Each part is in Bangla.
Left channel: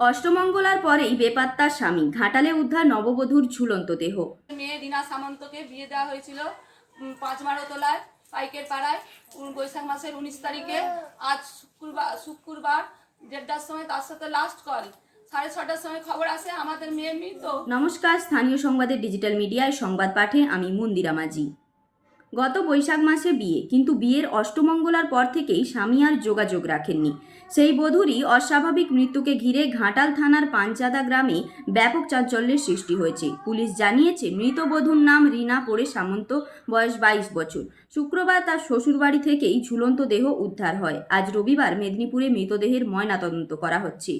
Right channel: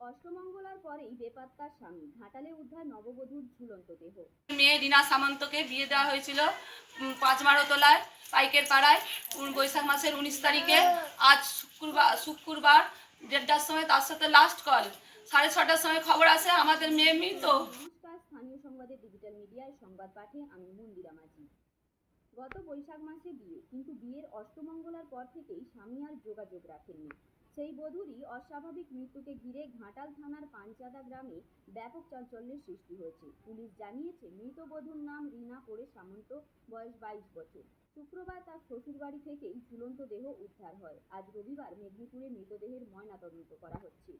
অষ্টমঙ্গলার পরেই বেপাত্তা স্বামী, ঘাটালে উদ্ধার নববধূর ঝুলন্ত দেহ। মেয়ে রিনা সামন্তকে বিয়ে দেওয়া হয়েছিল পাঁচমারোতলায় পাইকের পাড়ায় বৈশাখ মাসের 19 তারিখে। আজ শুক্রবার 1:30টার সময় তার সাথে লাস্ট কল। 6:30টার সময় খবর আসে আমাদের মেয়ে মৃত। নমস্কার, স্থানীয় সংবাদের ডিজিটাল মিডিয়ায় সংবাদ পাঠে আমি মন্দিরা মাঝি। গত বৈশাখ মাসে বিয়ে, কিন্তু বিয়ের অষ্টমঙ্গলার পর থেকেই স্বামী আর যোগাযোগ রাখেননি। সেই বধূরই অস্বাভাবিক মৃত্যুকে ঘিরে ঘাটাল থানার পাঞ্চাদা গ্রামে ব্যাপক চাঞ্চল্যের সৃষ্টি হয়েছে। পুলিশ জানিয়েছে, মৃত বধূর নাম রিনা পোড়ে সামন্ত, বয়স 22 বছর। শুক্রবার তার শ্বশুরবাড়ি থেকেই ঝুলন্ত দেহ উদ্ধার হয়। আজ রবিবার মেদিনীপুরে মৃতদেহের ময়নাতদন্ত করা হচ্ছে।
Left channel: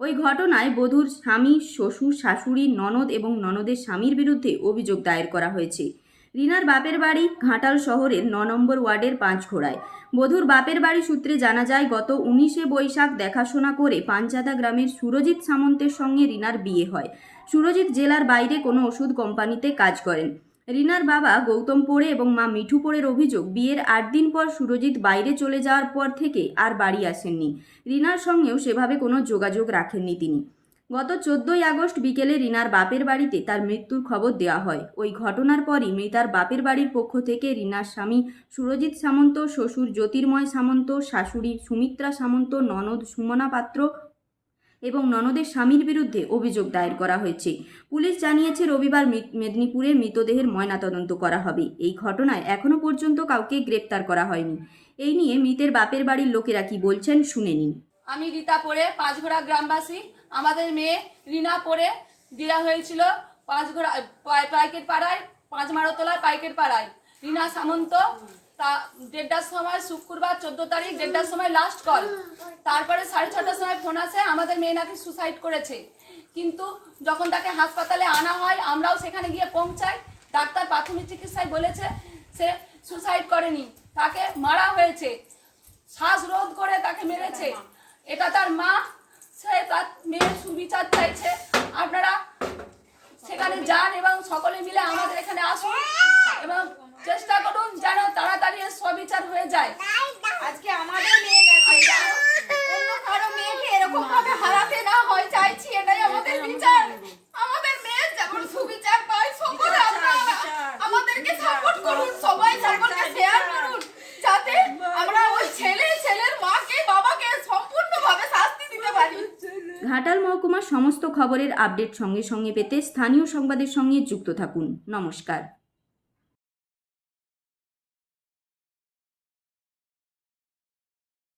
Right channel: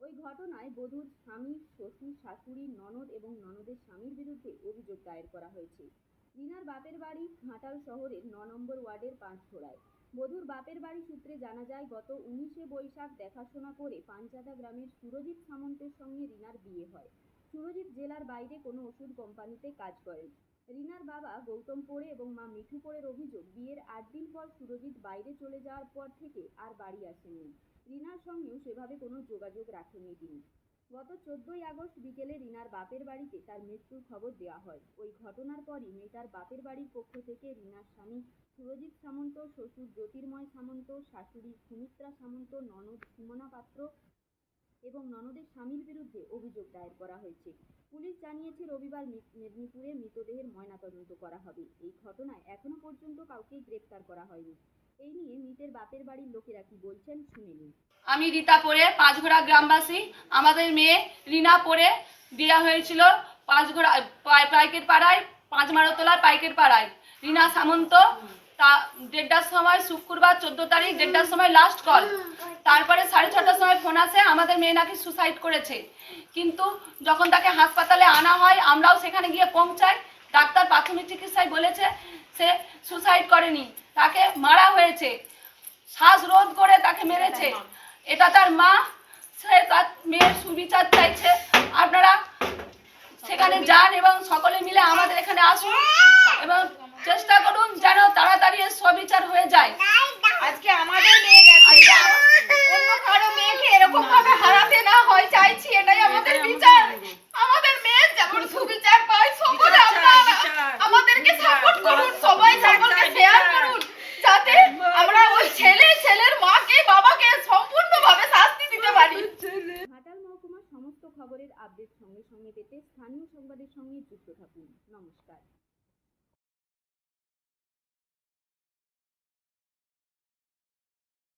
ওই ঘটনায় বধূর স্বামী, শ্বশুর, শাশুড়ি, ননদ এবং ননদের স্বামীর বিরুদ্ধে অভিযোগ দায়ের করা হয়েছে। রিনার বাপের বাড়ি ঘাটাল শহরের 9 নম্বর ওয়ার্ডের পাঁচঘোড়ায়। বধূর বাপের বাড়ি সূত্রে জানা যায়, গত 19শে বৈশাখ দেখাশোনা করে পাঞ্চাদা গ্রামের সুরজিৎ সামন্তের সঙ্গে রিনার বিয়ে হয়। সুরজিৎ জেলার বাইরে কোনো ওষুধ কোম্পানিতে কাজ করেন। রিনার বাবা গৌতম পোড়ে এবং মা মিঠু পোড়ের অভিযোগ, বিয়ের 8 দিন পর সুরজিৎ বাইরে চলে যাওয়ার পর থেকে আর বাড়ি আসেননি। রিনার সঙ্গেও সেভাবে কোনো যোগাযোগ রাখেননি তিনি। গত 14ই আগস্ট বিকেলে রিনার বাপের বাড়িতে তার মৃত্যুর খবর দেওয়া হয়। ওই ঘটনার পরই মৃতার বাপের বাড়ির পক্ষ থেকে রিনার স্বামী সুরজিৎ সামন্ত, শ্বশুর জ্যোতির্ময় সামন্ত, শাশুড়ি সুমিত্রা সামন্ত, ননদ সুমনা পাত্র এবং ননদের স্বামীর বিরুদ্ধে অভিযোগ দায়ের করা হয়েছে। পুলিশ জানিয়েছে, রবিবার মেদিনীপুরে মৃতদেহের ময়নাতদন্ত করা হবে। এই ঘটনায় এখনও পর্যন্ত কাউকে গ্রেপ্তার করা হয়নি। এই নিয়ে মৃতের বাপের বাড়ির লোকেরা কি বলছেন শুনে নিন। আমি রীতা পোড়ে, পাঁচঘোড়া গ্রামবাসী। আমাদের মেয়ে রিনা পোড়ে দেওয়া হয়েছিল পাঁচঘোড়া পাইকের পাড়ায়, পাঁচমারোতলায় পাইকের পাড়ায়। রিনা সামন্ত তা 1:30টার সময় শুক্রবার 14 তারিখ 1:30টার সময় লাস্ট কল। তারপরে 6:30টার সময় ফোন আসে আমাদের মেয়ে নাকি সুসাইড করেছে। কিন্তু যখন তাকে হাসপাতালে আনা হয়, আমরাও সেখানে গিয়ে পৌঁছাই। ডাক্তার প্রাথমিক চিকিৎসায় বলেছে সে সুসাইড করেনি, তাকে মারা হয়েছে, শ্বাসরোধ করে তাকে মেরেছে। এটা তার মা, সে তার মেয়ের সুবিচার চাইছে। আপনারা সেখানে যান এবং সকলে মিলে আমাদের এখানে আসুন এবং চেষ্টা করুন যেন তাড়াতাড়ি সবিচার হয়ে যায়। আজকে আমাদের মেয়ে গেছে, অন্য কারো মেয়েকে এরকম ভাবে হারাতে না হয় চাইছি, এটাই আমাদের বিচার। আমাদের মেয়ের যেমন সুবিচার পায়, সকলে আপনারা আমাদেরকে সাপোর্ট করুন, সবাই সকলকে শেয়ার করুন, যাতে আমরা ওই ছেলের মাকে বাবাকে সম্পূর্ণভাবে শাস্তি দিতে পারি। ঘাটাল মহকুমার সমস্ত খবরের আপডেট সঙ্গে সঙ্গে পেতে স্থানীয় সংবাদের সঙ্গে যুক্ত থাকুন। নমস্কার।